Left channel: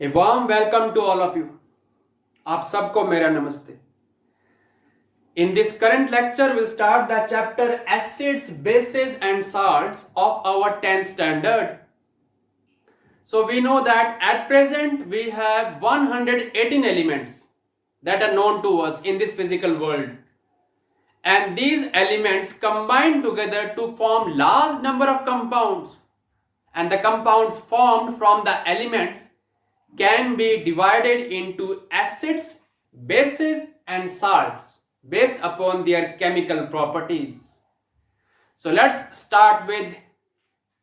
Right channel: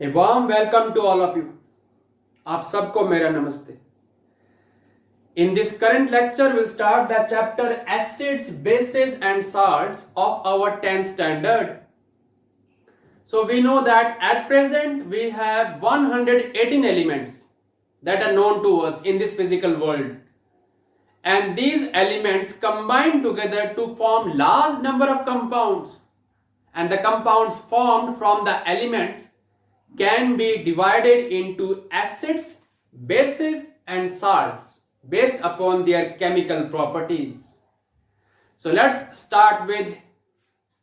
A warm welcome to all of you. आप सबको मेरा नमस्ते. In this current lecture, we'll start the chapter Acids, Bases and Salts of our 10th standard. So we know that at present we have 118 elements that are known to us in this physical world. And these elements combine together to form large number of compounds. And the compounds formed from the elements can be divided into acids, bases and salts based upon their chemical properties. So let's start with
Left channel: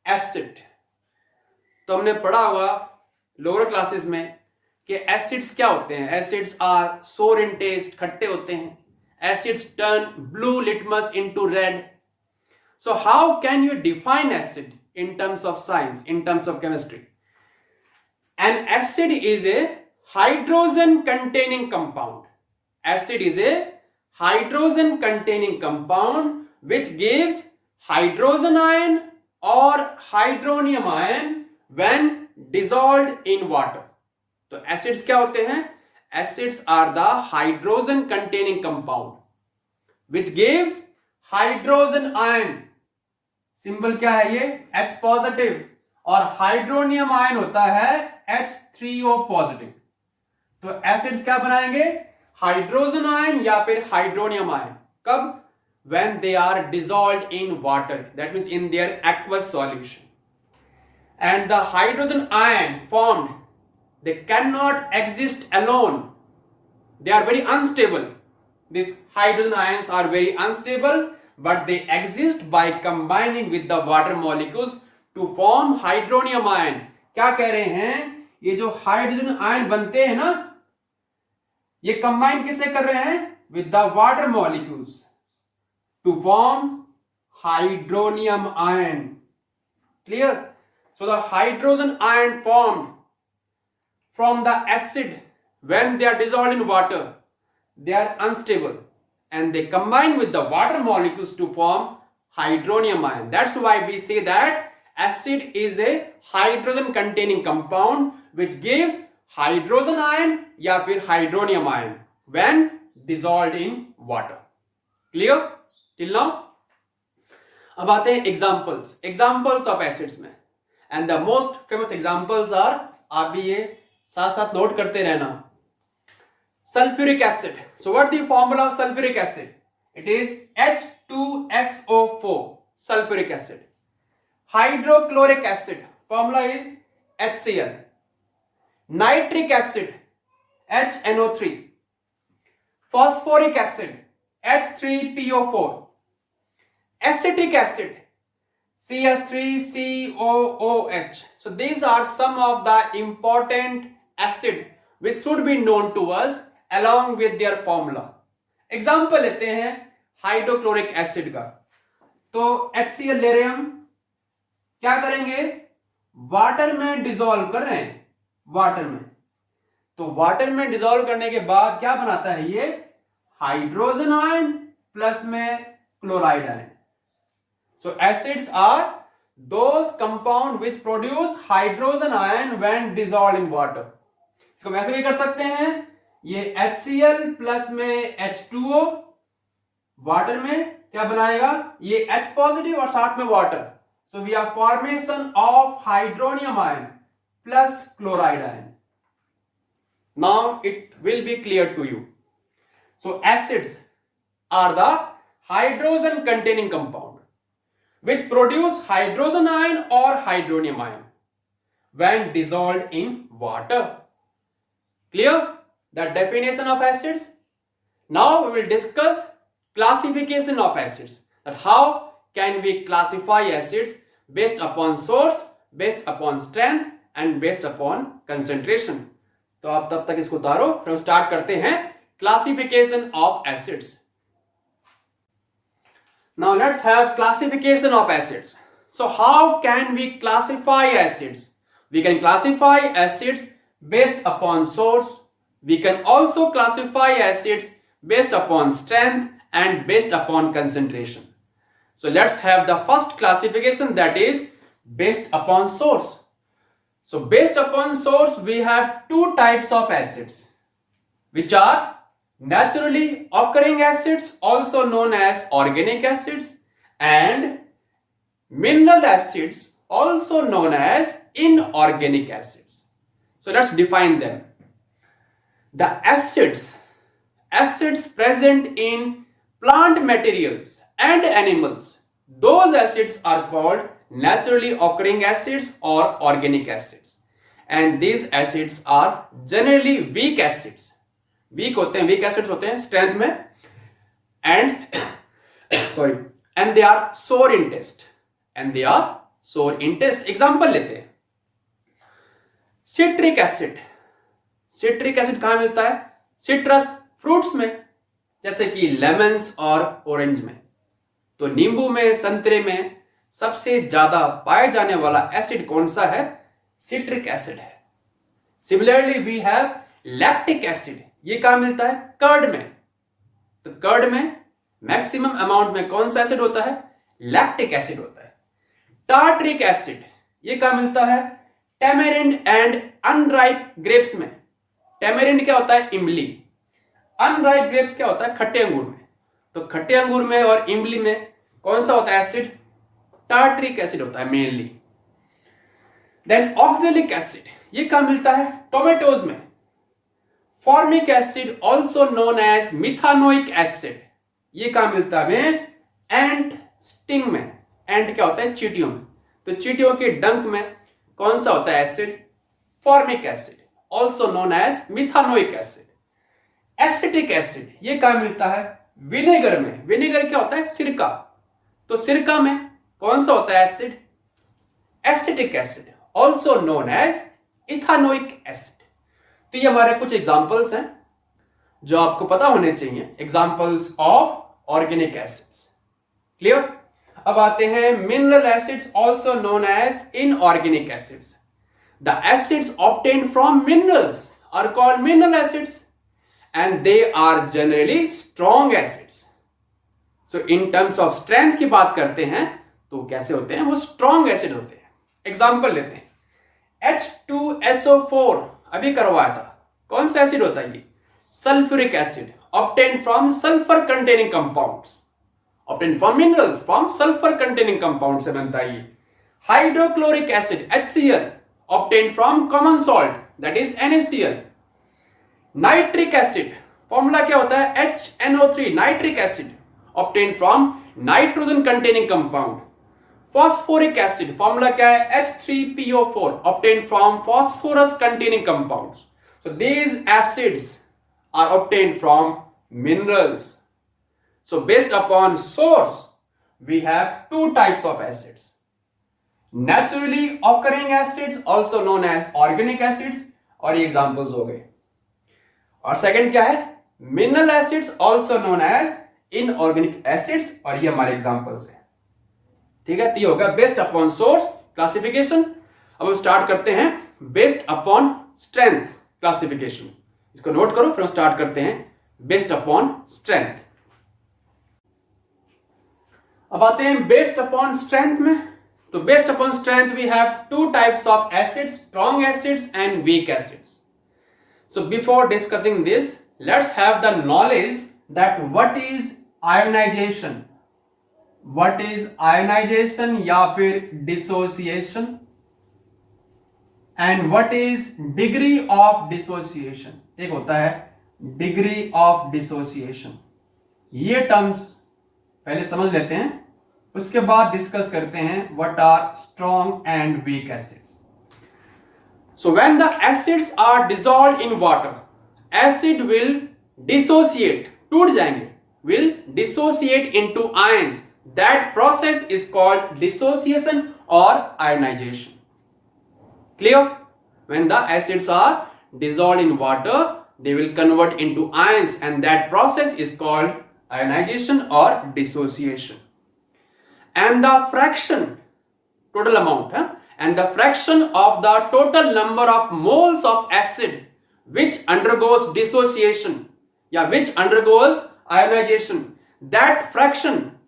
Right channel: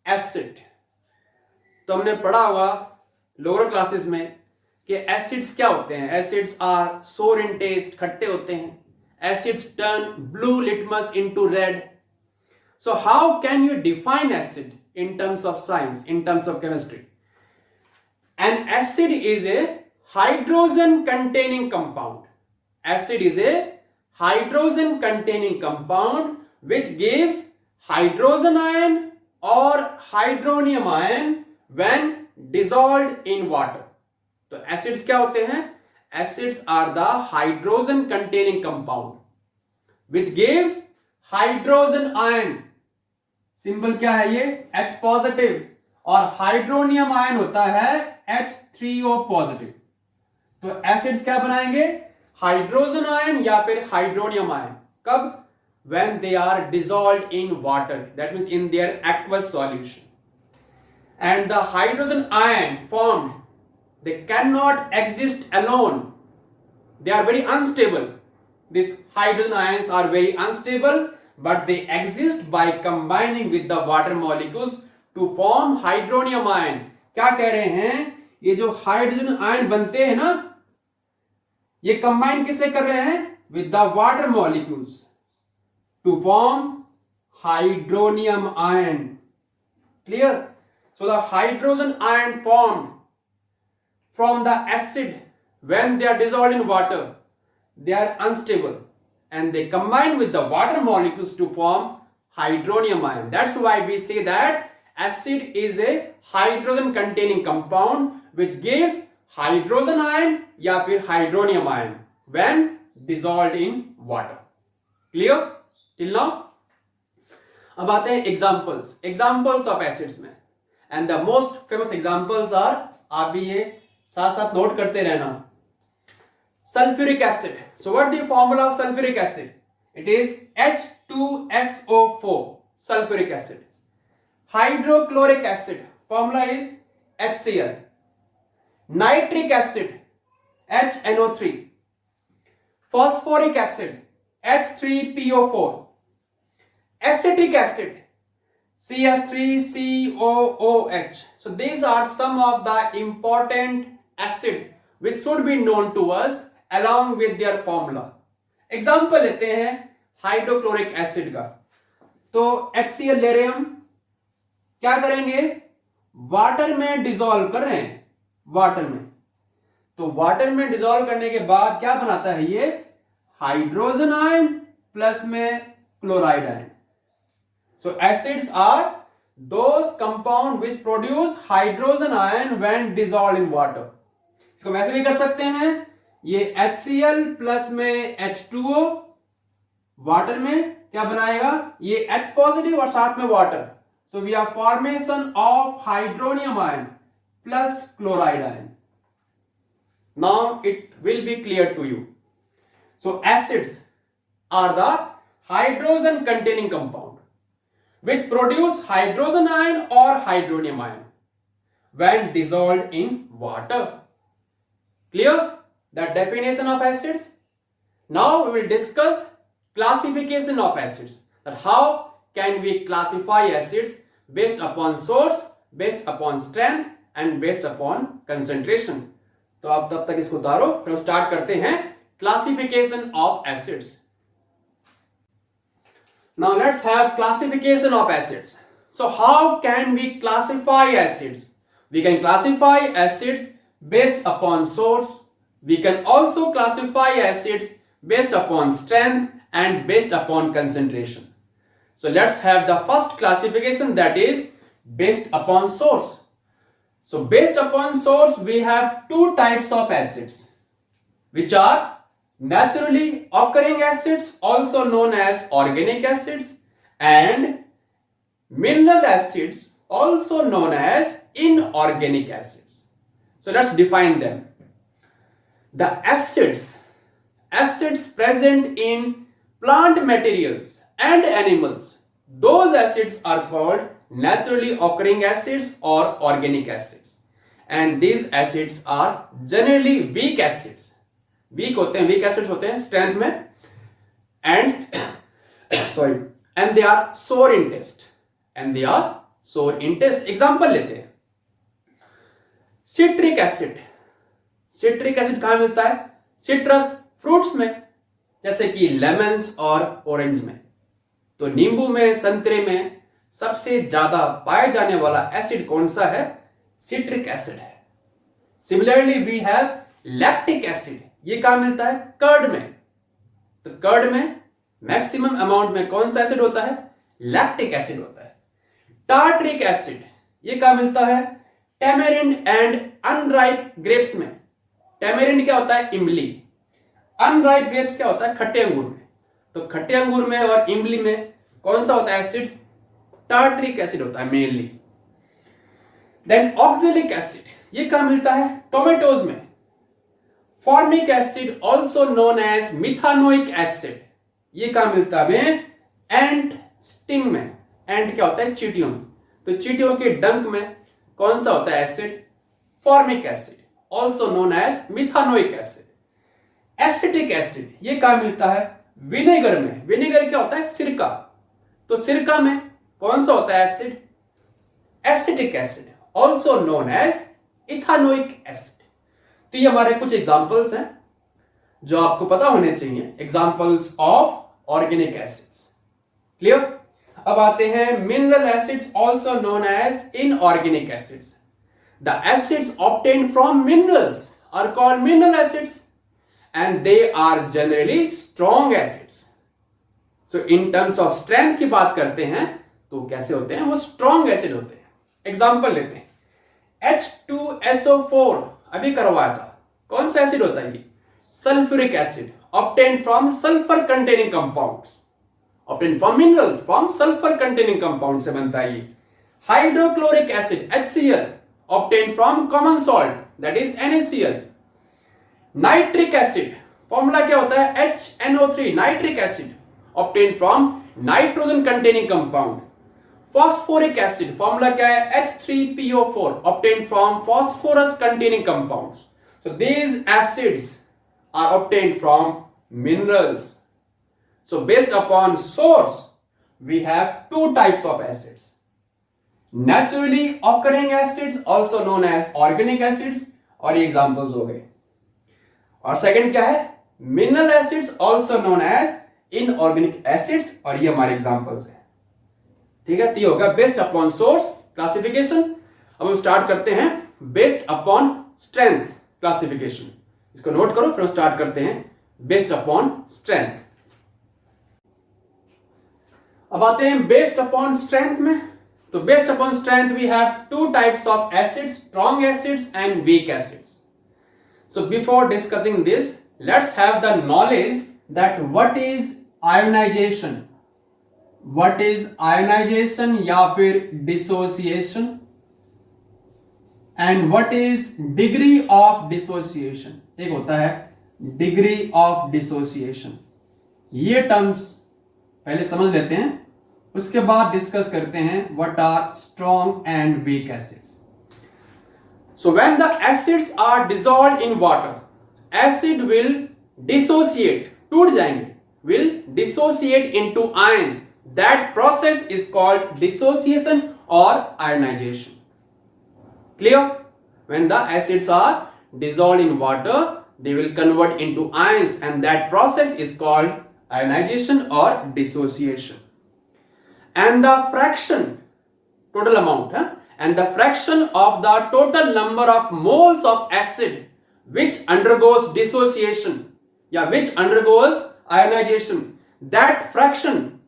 acid. तो हमने पढ़ा हुआ lower classes में कि acids क्या होते हैं. Acids are सोर इन टेस्ट, खट्टे होते हैं. Acids turn blue litmus into red. So how can you define acid in terms of science, in terms of chemistry? An acid is a hydrogen containing compound. Acid is a hydrogen containing compound which gives hydrogen ion or hydronium ion when dissolved in water. तो acids क्या होते हैं? Acids are the hydrogen containing compound which gives hydrogen ion. Symbol क्या है ये? H positive. और hydronium ion होता है H3O पॉजिटिव. तो एसिड्स क्या बनाएंगे? हाइड्रोजन आयन या फिर हाइड्रोनियम आयन. कब? When they are dissolved in water, that means in their aqueous solution. And the hydrogen ion formed, they can not exist alone. They are very unstable. This hydrogen ions are very unstable, but they exist by combining with the water molecules to form hydronium ion. क्या कह रहे हैं? ये जो hydrogen ion बनते हैं ना, ये कंबाइन किससे कर रहे हैं? With the water molecules to form hydronium ion. Clear? So the hydrogen ion formed from the acid when they are dissolved in water, they are unstable and they combine with the water molecules to form hydronium ion. That's why we say that acid is a hydrogen containing compound which gives hydrogen ion या फिर hydronium ion when dissolved in water. Clear till now? अब आते हैं examples of acids में. And the most famous examples are, आप भी ये साथ साथ नोट करते रहना. Sulfuric acid. So what is the formula of sulfuric acid? It is H2SO4, sulfuric acid. Hydrochloric acid, formula is HCl. Nitric acid, HNO3. Phosphoric acid, H3PO4. Acetic acid, CS3COOH. So these are some of the important acid which should be known to us along with their formula. Example लेते हैं hydrochloric acid का. तो HCl ले रहे हम, क्या करेंगे? Water में डिसॉल्व कर रहे हैं. वाटर में, तो वाटर में डिसॉल्व करने के बाद क्या बनाता है ये? हाइड्रोजन आयन प्लस में chloride ion. So acids are those compound which produce hydrogen ion when dissolved in water. इसको वैसे भी कर सकते हैं, ये HCl प्लस में H2O वाटर में क्या बनाएगा? ये H पॉजिटिव और साथ में water. So we are formation of hydronium ion plus chloride ion. Now it will be clear to you. So acids are the hydrogen containing compound which produce hydrogen ion और hydronium ion when dissolved in water. Clear? The definition of acids. Now we will discuss classification of acids. That how can we classify acids based upon source, based upon strength and based upon concentration. तो आप तब तक इसको उतारो, फिर हम start करते हैं classification of acids. Now let's have classification of acids. So how can we classify acids? We can classify acids based upon source. We can also classify acids based upon strength and based upon concentration. So let's have the first classification, that is based upon source. So based upon source, we have two types of acids, which are naturally occurring acids, also known as organic acids, and mineral acids, also known as inorganic acids. So let's define them. The acids present in plant materials and animals, those acids are called naturally occurring acids or organic acids, and these acids are generally weak acids. weak acids होते हैं strength में, and and they are sour in taste. Example लेते हैं. Citric acid कहां मिलता है? Citrus fruits में, जैसे कि लेमन्स और ऑरेंज में. तो नींबू में, संतरे में सबसे ज्यादा पाए जाने वाला एसिड कौन सा है? सिट्रिक एसिड है. Similarly we have lactic acid. ये कहां मिलता है? कर्ड में. तो कर्ड में मैक्सिमम अमाउंट में कौन सा एसिड होता है? लैक्टिक एसिड होता है. टार्ट्रिक एसिड ये कहां मिलता है? टेमेरिंड एंड अनराइप ग्रेप्स में. टेमेरिंड क्या होता है? इमली. अनराइप ग्रेप्स क्या होता है? खट्टे अंगूर में. तो खट्टे अंगूर में और इमली में कौन सा होता है एसिड? टार्ट्रिक एसिड होता है मेनली. देन ऑक्सैलिक एसिड ये कहां मिलता है? टोमेटोज में. Formic acid also known as methanoic acid ये कहां मिलता है? एंट स्टिंग में. एंट क्या होता है? चींटियों. तो चींटियों के डंक में कौन सा होता है acid? Formic acid also known as methanoic acid. Acetic acid ये कहां मिलता है? विनेगर में. विनेगर क्या होता है? सिरका. तो सिरका में कौन सा होता है acid? Acetic acid also known as ethanoic acid. तो ये हमारे कुछ एग्जांपल्स हैं जो आपको पता होने चाहिए. Examples of organic acids. Clear? अब आते हैं mineral acids also known as inorganic acids. The acids obtained from minerals are called mineral acids and they are generally strong acids. So in terms of strength की बात करते हैं तो कैसे होते हैं? वो strong acid होते हैं. Example लेते हैं. H2SO4 अभी करवाया था. कौन सा एसिड होता है ये? Sulfuric acid obtained from sulfur containing compounds. Obtained from minerals, from sulfur containing compounds से बनता है ये. Hydrochloric acid HCl obtained from common salt, that is NaCl. Nitric acid formula क्या होता है? HNO3 nitric acid obtained from nitrogen containing compound. Phosphoric acid formula क्या है? H3PO4 obtained from phosphorus containing compounds. So these acids are obtained from minerals. So based upon source we have two types of acids. Naturally occurring acids also known as organic acids, और ये examples हो गए. और second क्या है? Mineral acids also known as inorganic acids, और ये हमारे एग्जांपल्स हैं. ठीक है? ये होगा बेस्ड अपॉन सोर्स क्लासिफिकेशन. अब हम स्टार्ट करते हैं बेस्ड अपॉन स्ट्रेंथ क्लासिफिकेशन. इसको नोट करो, फिर हम स्टार्ट करते हैं बेस्ड अपॉन स्ट्रेंथ. अब आते हैं बेस्ड अपॉन स्ट्रेंथ में. तो based upon strength we have two types of acids, strong acids and weak acids. So before discussing this, let's have the knowledge that what is ionization. What is ionization या फिर dissociation, and what is degree of dissociation. एक होता है degree of dissociation. ये terms पहले समझ लेते हैं, उसके बाद डिस्कस करते हैं what are strong and weak acids. So when the acids are dissolved in water, acid will dissociate, टूट जाएंगे, will dissociate into ions. That process is called dissociation or ionization. Clear? When the acids are dissolved in water, they will convert into ions, and that process is called ionization or dissociation. And the fraction, total amount, and the fraction of the total number of moles of acid which undergoes dissociation, which undergoes ionization, that fraction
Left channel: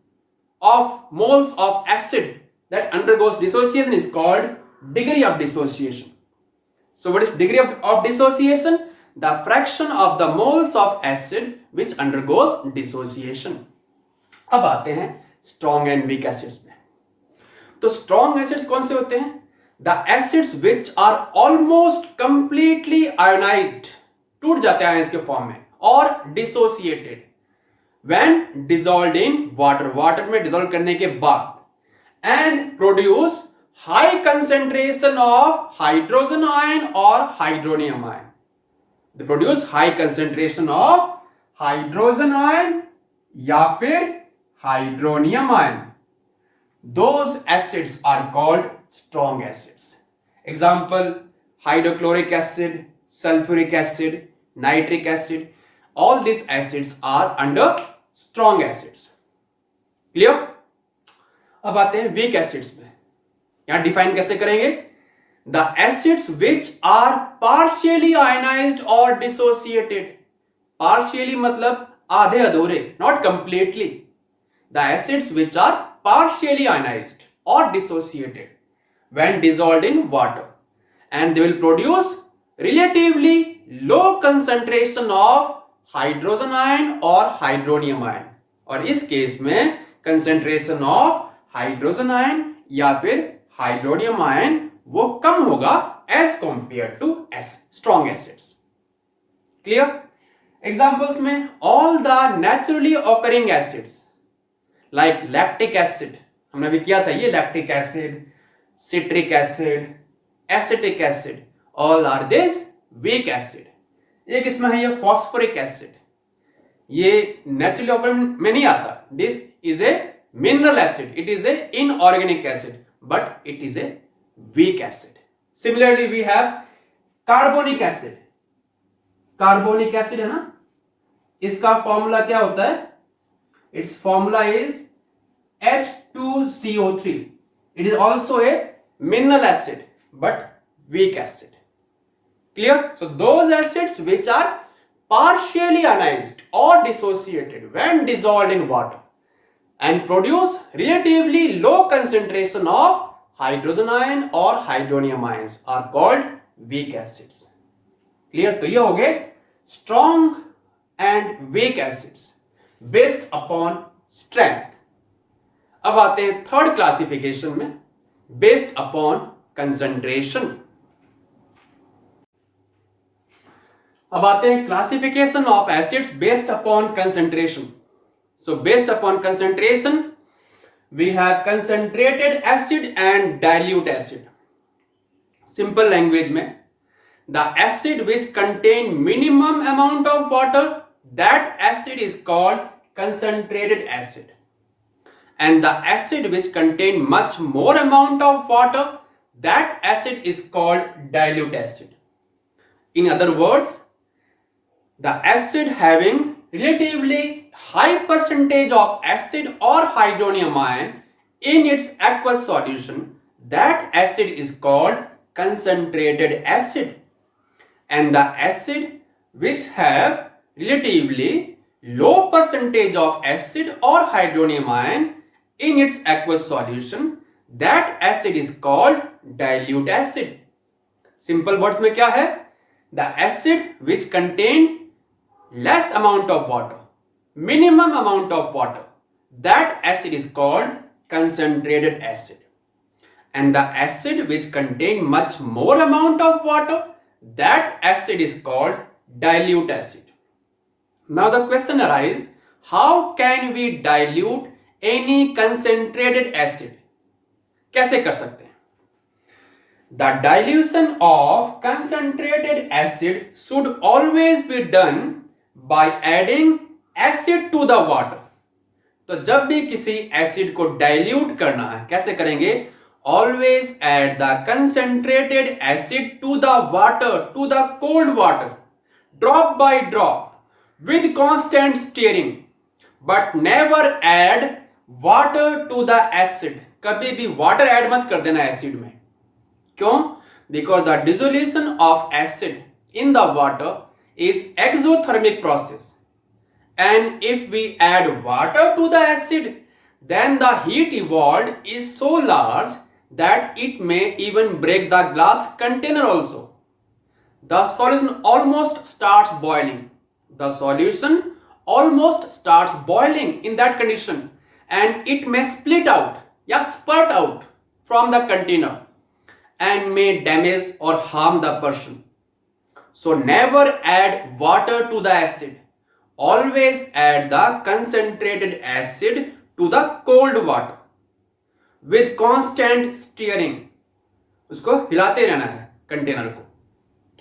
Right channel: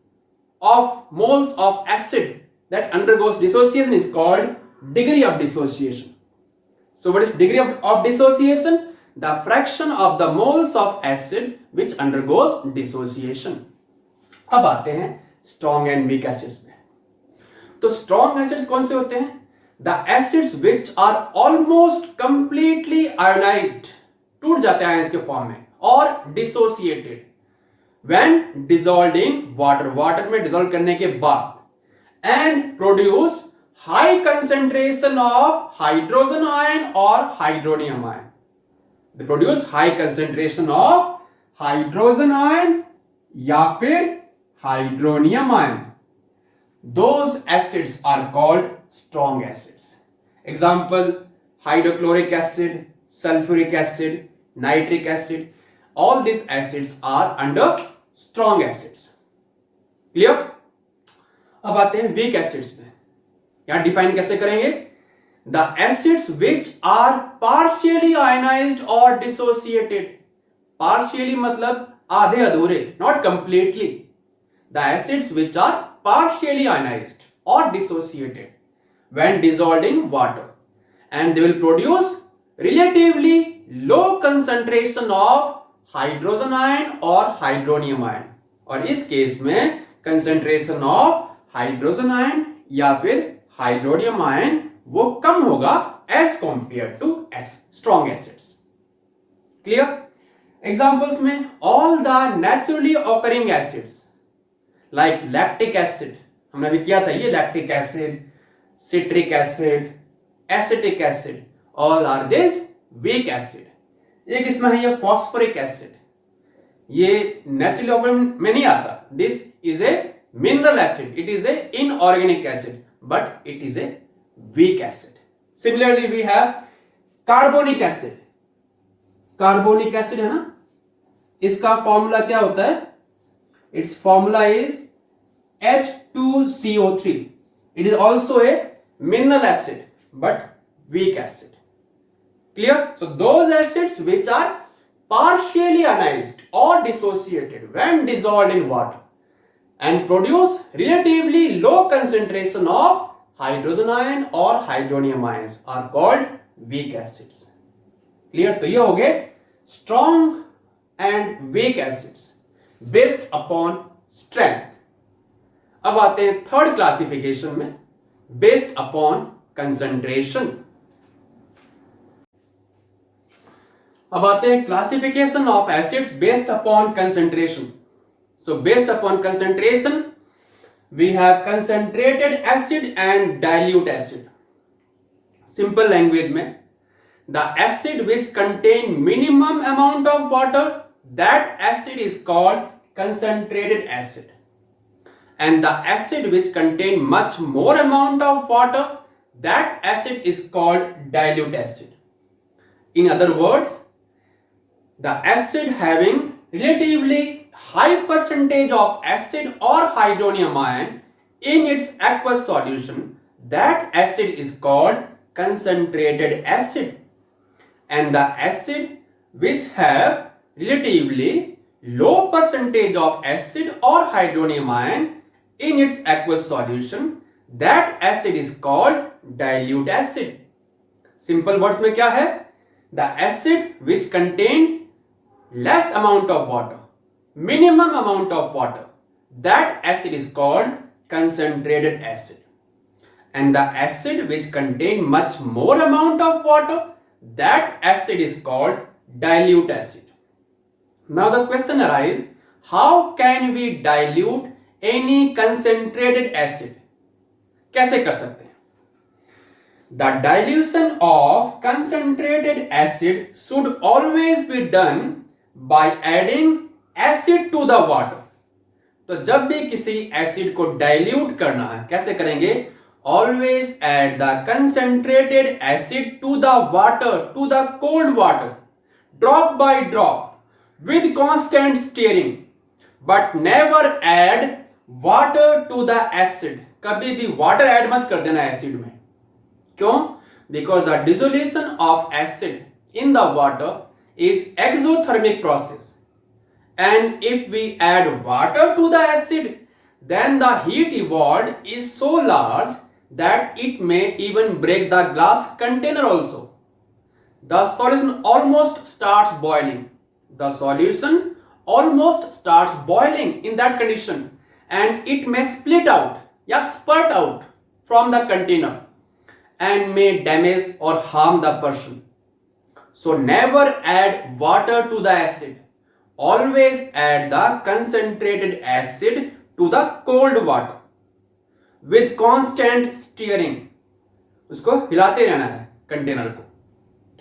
of moles of acid that undergoes dissociation is called degree of dissociation. So what is degree of dissociation? The fraction of the moles of acid which undergoes dissociation. अब आते हैं strong and weak acids में. तो strong acids कौन से होते हैं? The acids which are almost completely ionized, टूट जाते हैं आयंस के फॉर्म में, और dissociated when dissolved in water, water में डिसॉल्व करने के बाद, and produce high concentration of hydrogen ion or hydronium ion. They produce high concentration of hydrogen ion या फिर hydronium ion. Those acids are called strong acids. Example: hydrochloric acid, sulfuric acid, nitric acid. All these acids are under strong acids. Clear? अब आते हैं weak acids में. यहां define कैसे करेंगे? The acids which are partially ionized or dissociated. Partially मतलब आधे अधूरे, not completely. The acids which are partially ionized or dissociated when dissolved in water, and they will produce relatively low concentration of hydrogen ion or hydronium ion. और इस case में concentration of hydrogen ion या फिर hydronium ion वो कम होगा as compared to strong acids. Clear? Examples में all the naturally occurring acids like lactic acid, हमने अभी किया था ये, lactic acid, citric acid, acetic acid, all are this weak acid. एक इसमें है ये phosphoric acid, ये naturally occurring में नहीं आता. This is a mineral acid, it is a inorganic acid, but it is a weak acid. Similarly we have carbonic acid. Carbonic acid है ना, इसका फॉर्मूला क्या होता है? Its formula is H2CO3. It is also a mineral acid but weak acid. Clear? So those acids which are partially ionized or dissociated when dissolved in water and produce relatively low concentration of hydrogen ion or hydronium ions are called weak acids. Clear? तो ये हो गए strong and weak acids based upon strength. अब आते हैं third classification में, based upon concentration. अब आते हैं classification of acids based upon concentration. So based upon concentration we have concentrated acid and dilute acid. Simple language में, the acid which contain minimum amount of water, that acid is called concentrated acid, and the acid which contain much more amount of water, that acid is called dilute acid. In other words, the acid having relatively high percentage of acid or hydronium ion in its aqueous solution, that acid is called concentrated acid, and the acid which have relatively low percentage of acid or hydronium ion in its aqueous solution, that acid is called dilute acid. Simple words में क्या है? The acid which contain less amount of water, minimum amount of water, that acid is called concentrated acid, and the acid which contain much more amount of water, that acid is called dilute acid. Now the question arises, how can we dilute any concentrated acid? कैसे कर सकते हैं? The dilution of concentrated acid should always be done by adding acid to the water. तो जब भी किसी acid को dilute करना है, कैसे करेंगे? Always add the concentrated acid to the water, to the cold water, drop by drop, with constant stirring, but never add water to the acid. कभी भी water add मत कर देना एसिड में. क्यों? Because the dissolution of acid in the water is exothermic process, and if we add water to the acid, then the heat evolved is so large that it may even break the glass container also. the solution almost starts boiling. The solution almost starts boiling in that condition, and it may split out, spurt out from the container and may damage or harm the person. So never add water to the acid. Always add the concentrated acid to the cold water with constant stirring. उसको हिलाते रहना है container को,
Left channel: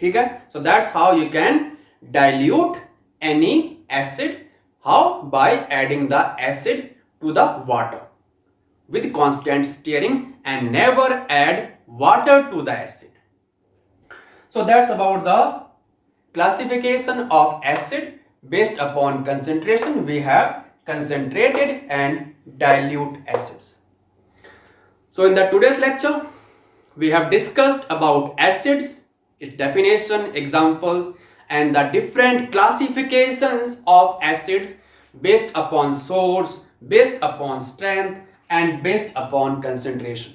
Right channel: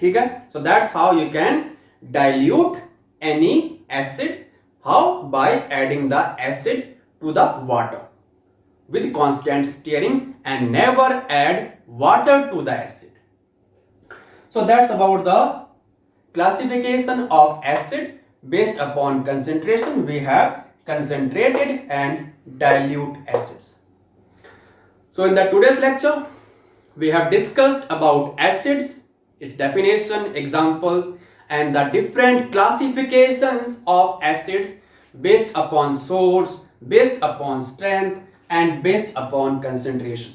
ठीक है. So that's how you can dilute any acid. How? By adding the acid to the water with constant stirring, and never add water to the acid. So that's about the classification of acid based upon concentration. We have concentrated and dilute acids. So in the today's lecture, we have discussed about acids, its definition, examples, and the different classifications of acids based upon source, based upon strength, and based upon concentration.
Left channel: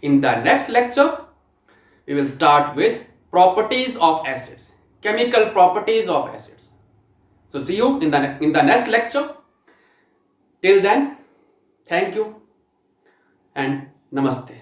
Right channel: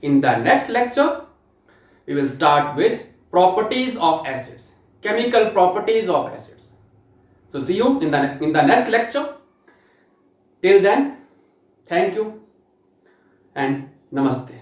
In the next lecture, we will start with properties of acids, chemical properties of acids. So see you in the next lecture. Till then, thank you and namaste.